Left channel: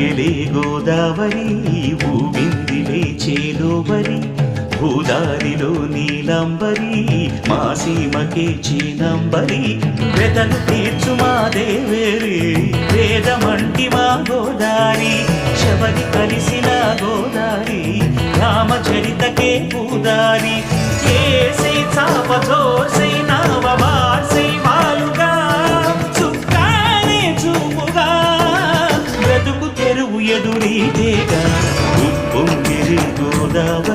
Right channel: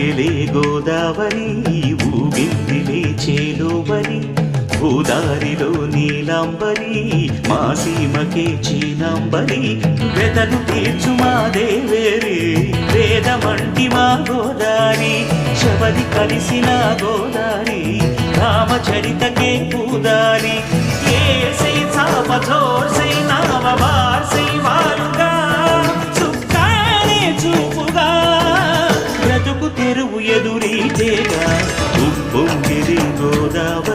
ఉప్పొంగెలే గోదావరి ఊగిందిలే చేలోబరి భూదారిలో నీలంబరి మా సీమకే చీనంబరి వెతలు తీర్చు మా దేవేరి వేదమంటి మా గోదారి శబరి కలిసిన గోదారి రామచరితకే పూదారి ఏసై చాప చోర్సై నావ బార్సై వాలుగా చుక్కానే చూపుగా బ్రతుకు తెరువు ఎదురీతేగా ఉప్పొంగిరి గోదావరి